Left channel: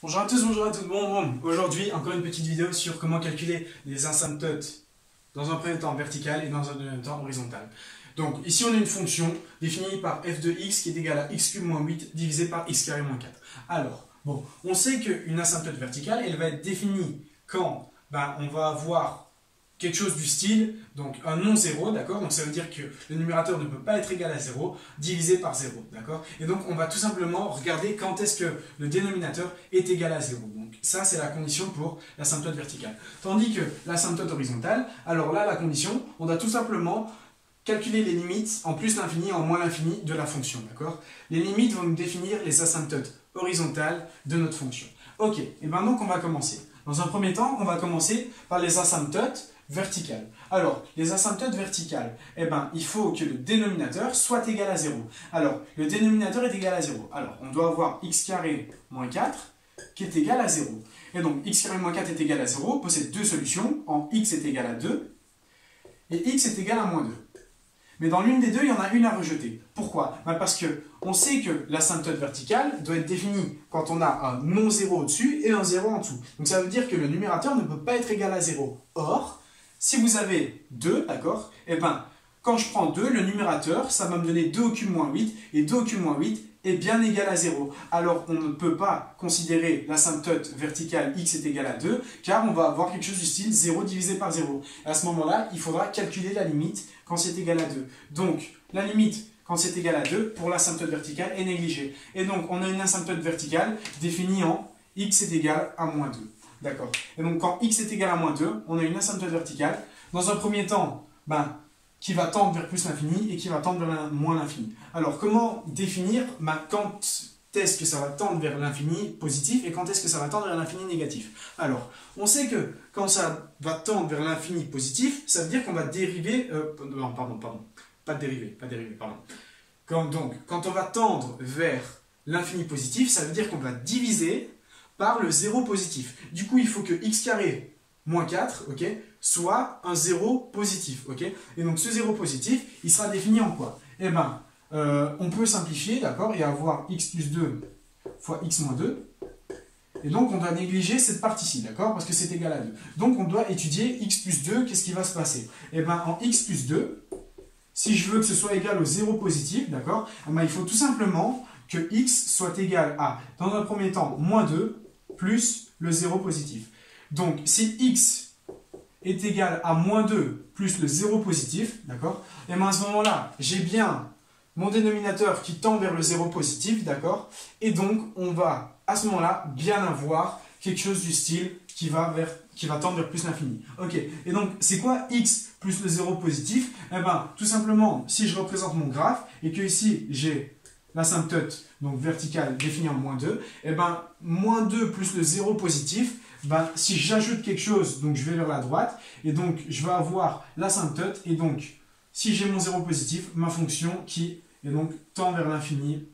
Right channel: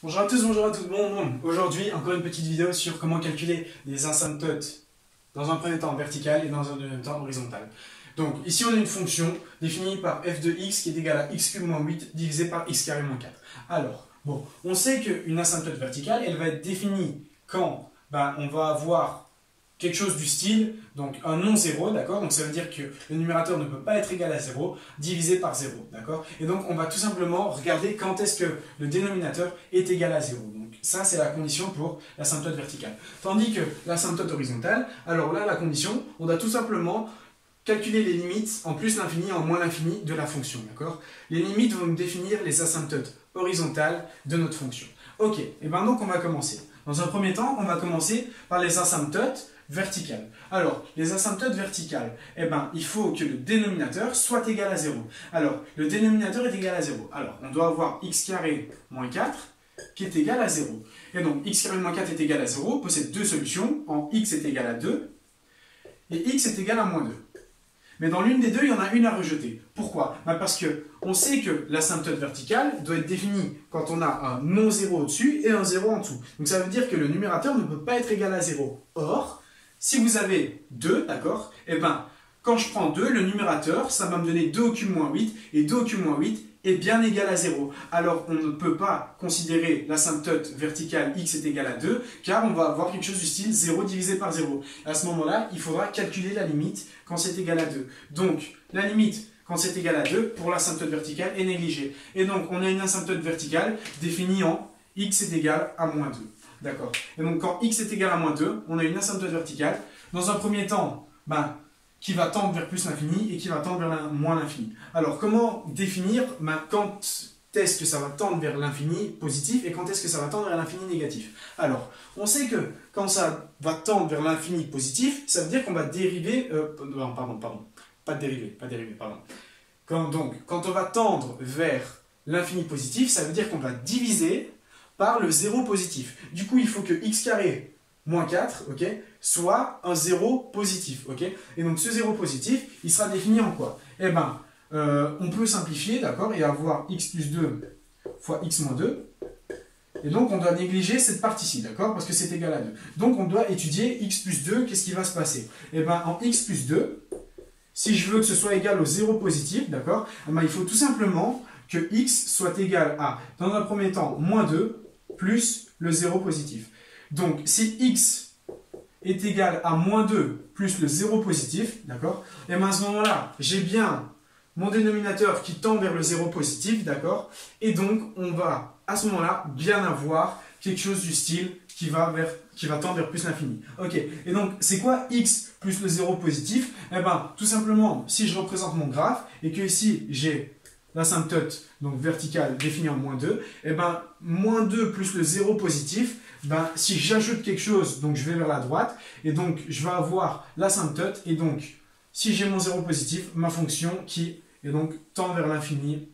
Bonjour à tous, bonjour à tout le monde. Aujourd'hui, encore une petite vidéo sur comment calculer les asymptotes dans un premier temps vertical et dans un deuxième temps horizontal. Donc ici on a une fonction définie par f de x qui est égale à x cube moins 8 divisé par x carré moins 4. Alors, bon, on sait qu'une asymptote verticale, elle va être définie quand on va avoir quelque chose du style, donc un non-zéro, d'accord? Donc ça veut dire que le numérateur ne peut pas être égal à 0, divisé par 0, d'accord? Et donc on va tout simplement regarder quand est-ce que le dénominateur est égal à 0. Donc ça c'est la condition pour l'asymptote verticale. Tandis que l'asymptote horizontale, alors là la condition, on doit tout simplement calculer les limites en plus l'infini et en moins l'infini de la fonction, d'accord? Les limites vont nous définir les asymptotes horizontales de notre fonction. Ok, et bien donc on va commencer. Dans un premier temps, on va commencer par les asymptotes verticales. Alors, les asymptotes verticales, il faut que le dénominateur soit égal à 0. Alors, le dénominateur est égal à 0. Alors, on doit avoir x carré moins 4 qui est égal à 0. Et donc, x carré moins 4 est égal à 0, possède deux solutions. En x est égal à 2 et x est égal à moins 2. Mais dans l'une des deux, il y en a une à rejeter. Pourquoi? Parce qu'on sait que l'asymptote verticale doit être définie quand on a un non-zéro au-dessus et un 0 en dessous. Donc ça veut dire que le numérateur ne peut pas être égal à 0. Or, si vous avez 2, d'accord, quand je prends 2, le numérateur, ça va me donner 2 au cube moins 8, et 2 au cube moins 8 est bien égal à 0. Alors, on ne peut pas considérer l'asymptote verticale x est égal à 2, car on va avoir quelque chose du style 0 divisé par 0. À ce moment-là, il faudra calculer la limite quand c'est égal à 2. Donc, la limite quand c'est égal à 2 pour l'asymptote verticale est négligée. Et donc, on a une asymptote verticale définie en x est égal à moins 2. D'accord. Et donc, quand x est égal à moins 2, on a une asymptote verticale. Dans un premier temps, qui va tendre vers plus l'infini et qui va tendre vers moins l'infini. Alors, comment définir quand est-ce que ça va tendre vers l'infini positif et quand est-ce que ça va tendre vers l'infini négatif? Alors, on sait que quand ça va tendre vers l'infini positif, ça veut dire qu'on va dériver... Quand on va tendre vers l'infini positif, ça veut dire qu'on va diviser par le 0 positif. Du coup, il faut que x carré moins 4, ok, soit un 0 positif, ok. Et donc, ce 0 positif, il sera défini en quoi? On peut simplifier, d'accord, et avoir x plus 2 fois x moins 2. Et donc, on doit négliger cette partie-ci, d'accord, parce que c'est égal à 2. Donc, on doit étudier x plus 2, qu'est-ce qui va se passer? En x plus 2, si je veux que ce soit égal au 0 positif, d'accord, il faut tout simplement que x soit égal à, dans un premier temps, moins 2 plus le 0 positif. Donc, si x est égal à moins 2 plus le 0 positif, d'accord, et à ce moment-là, j'ai bien mon dénominateur qui tend vers le 0 positif, d'accord, et donc, on va, à ce moment-là, bien avoir quelque chose du style qui va tendre vers plus l'infini. Ok, et donc, c'est quoi x plus le 0 positif? Tout simplement, si je représente mon graphe, et que ici, j'ai l'asymptote donc verticale définie en moins 2, moins 2 plus le 0 positif, si j'ajoute quelque chose, donc je vais vers la droite, et donc je vais avoir l'asymptote, et donc si j'ai mon 0 positif, ma fonction qui est donc tend vers l'infini,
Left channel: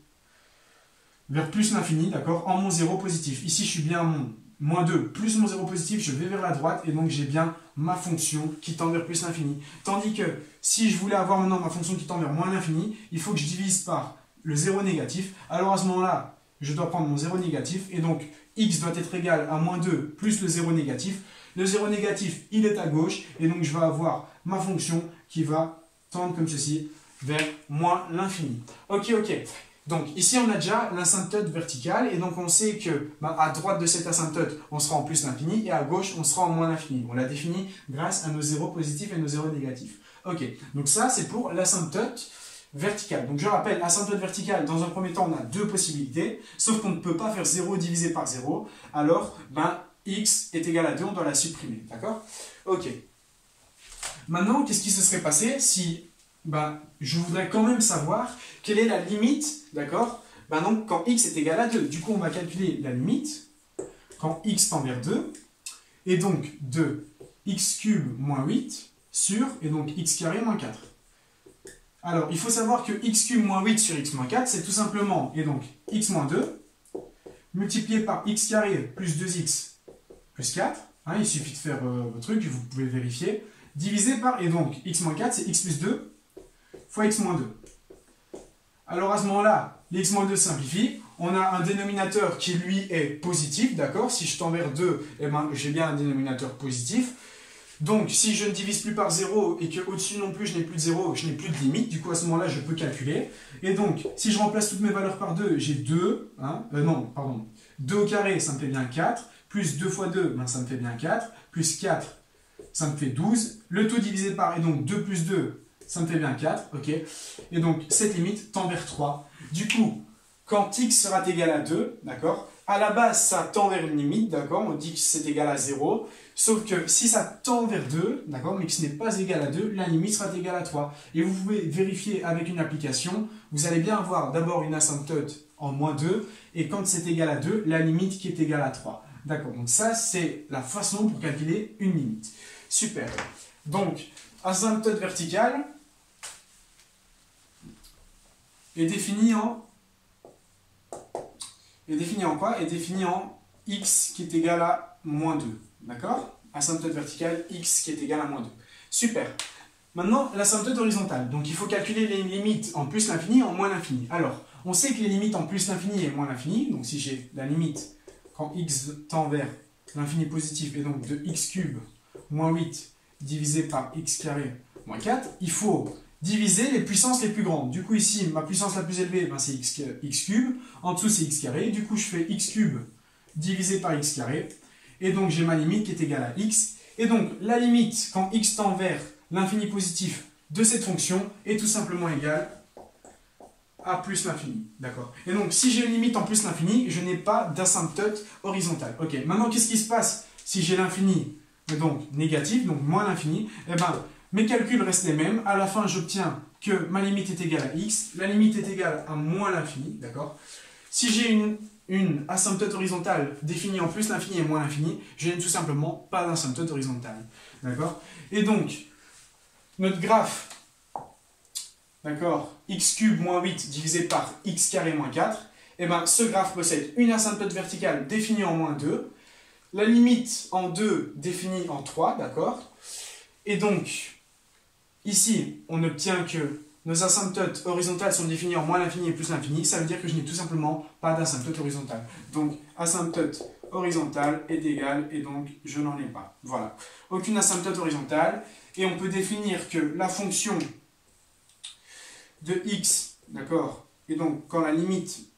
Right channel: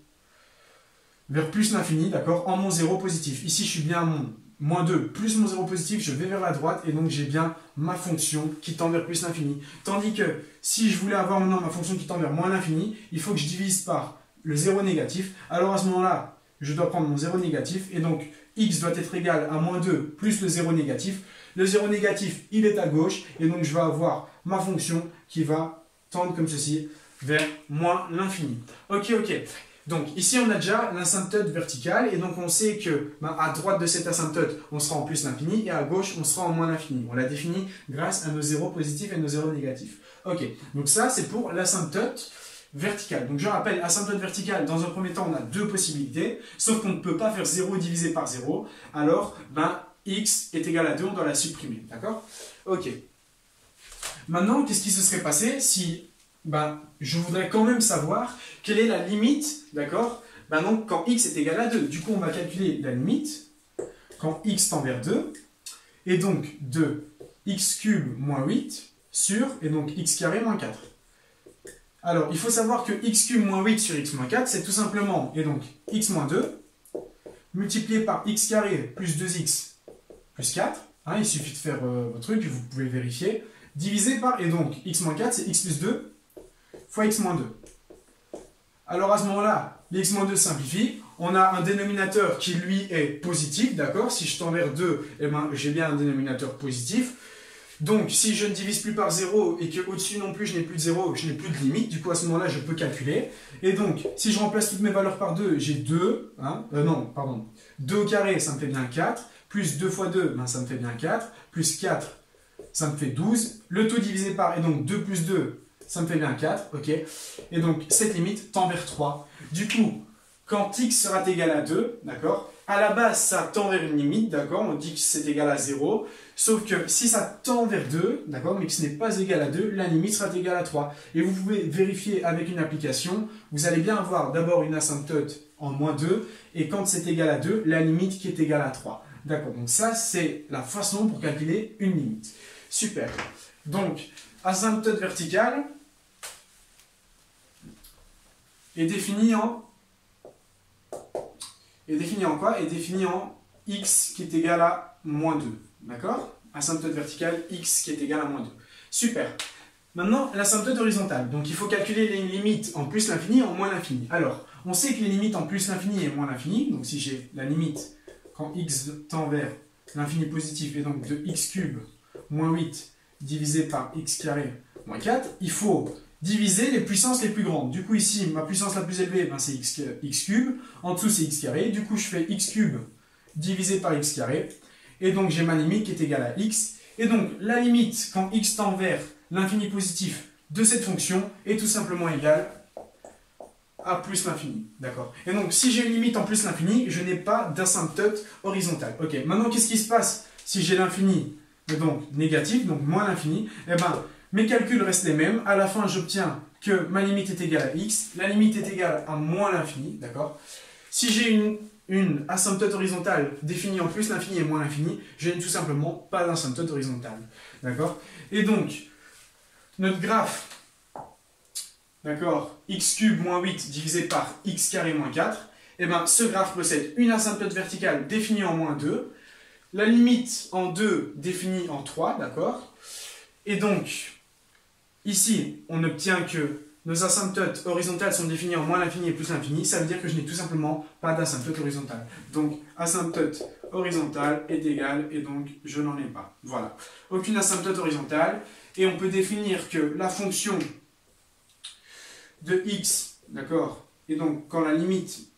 vers plus l'infini, d'accord, en mon 0 positif. Ici je suis bien à mon moins 2 plus mon 0 positif, je vais vers la droite, et donc j'ai bien ma fonction qui tend vers plus l'infini. Tandis que si je voulais avoir maintenant ma fonction qui tend vers moins l'infini, il faut que je divise par le 0 négatif. Alors à ce moment-là, je dois prendre mon 0 négatif, et donc x doit être égal à moins 2 plus le 0 négatif. Le 0 négatif, il est à gauche, et donc je vais avoir ma fonction qui va tendre comme ceci vers moins l'infini. Ok. Donc ici, on a déjà l'asymptote verticale, et donc on sait que à droite de cette asymptote, on sera en plus l'infini, et à gauche, on sera en moins l'infini. On l'a défini grâce à nos 0 positifs et nos 0 négatifs. Ok, donc ça, c'est pour l'asymptote verticale. Donc je rappelle, asymptote verticale, dans un premier temps, on a deux possibilités, sauf qu'on ne peut pas faire 0 divisé par 0, alors x est égal à 2, on doit la supprimer, d'accord? Ok. Maintenant, qu'est-ce qui se serait passé si, je voudrais quand même savoir quelle est la limite, d'accord? Donc quand x est égal à 2, du coup on va calculer la limite, quand x tend vers 2, et donc de x cube moins 8 sur, et donc x carré moins 4. Alors, il faut savoir que x cube moins 8 sur x moins 4, c'est tout simplement, et donc x moins 2, multiplié par x carré plus 2x plus 4, il suffit de faire votre truc, vous pouvez vérifier, divisé par, et donc x moins 4, c'est x plus 2 fois x moins 2. Alors à ce moment-là, les x moins 2 simplifient, on a un dénominateur qui lui est positif, d'accord? Si je tends vers 2, eh ben, j'ai bien un dénominateur positif. Donc, si je ne divise plus par 0 et qu'au-dessus non plus, je n'ai plus de 0, je n'ai plus de limite, du coup, à ce moment-là, je peux calculer. Et donc, si je remplace toutes mes valeurs par 2, j'ai 2, hein, non, pardon, 2 au carré, ça me fait bien 4, plus 2 fois 2, ben, ça me fait bien 4, plus 4, ça me fait 12, le tout divisé par, et donc 2 plus 2, ça me fait bien 4, ok? Et donc, cette limite tend vers 3. Du coup, quand x sera égal à 2, d'accord? À la base, ça tend vers une limite, d'accord? On dit que c'est égal à 0. Sauf que si ça tend vers 2, d'accord, mais que ce n'est pas égal à 2, la limite sera égale à 3. Et vous pouvez vérifier avec une application, vous allez bien avoir d'abord une asymptote en moins 2, et quand c'est égal à 2, la limite qui est égale à 3. D'accord, donc ça, c'est la façon pour calculer une limite. Super. Donc, asymptote verticale est définie en... quoi? Est définie en x qui est égal à moins 2. D'accord? Asymptote verticale, x qui est égal à moins 2. Super. Maintenant, l'asymptote horizontale. Donc, il faut calculer les limites en plus l'infini et en moins l'infini. Alors, on sait que les limites en plus l'infini et moins l'infini, donc si j'ai la limite quand x tend vers l'infini positif, et donc de x cube moins 8 divisé par x carré moins 4, il faut diviser les puissances les plus grandes. Du coup, ici, ma puissance la plus élevée, ben, c'est x cube. En dessous, c'est x carré. Du coup, je fais x cube divisé par x carré. Et donc, j'ai ma limite qui est égale à x. Et donc, la limite, quand x tend vers l'infini positif de cette fonction, est tout simplement égale à plus l'infini. D'accord? Et donc, si j'ai une limite en plus l'infini, je n'ai pas d'asymptote horizontale. Ok, maintenant, qu'est-ce qui se passe si j'ai l'infini, donc négatif, donc moins l'infini? Eh bien, mes calculs restent les mêmes. À la fin, j'obtiens que ma limite est égale à x. La limite est égale à moins l'infini. D'accord? Si j'ai une asymptote horizontale définie en plus l'infini et moins l'infini, je n'ai tout simplement pas d'asymptote horizontale. D'accord? Et donc, notre graphe, d'accord, x cube moins 8 divisé par x carré moins 4, eh ben, ce graphe possède une asymptote verticale définie en moins 2, la limite en 2 définie en 3, d'accord? Et donc, ici, on obtient que nos asymptotes horizontales sont définies en moins l'infini et plus l'infini. Ça veut dire que je n'ai tout simplement pas d'asymptote horizontale. Donc, asymptote horizontale est égale et donc je n'en ai pas. Voilà. Aucune asymptote horizontale. Et on peut définir que la fonction de x, d'accord, et donc quand la limite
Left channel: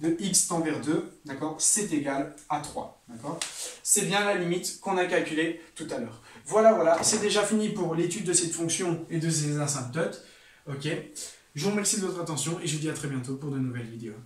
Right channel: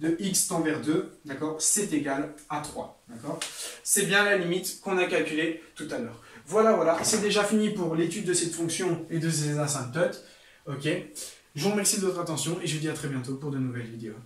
de x tend vers 2, d'accord, c'est égal à 3. D'accord? C'est bien la limite qu'on a calculée tout à l'heure. Voilà, c'est déjà fini pour l'étude de cette fonction et de ces asymptotes. Ok, je vous remercie de votre attention et je vous dis à très bientôt pour de nouvelles vidéos.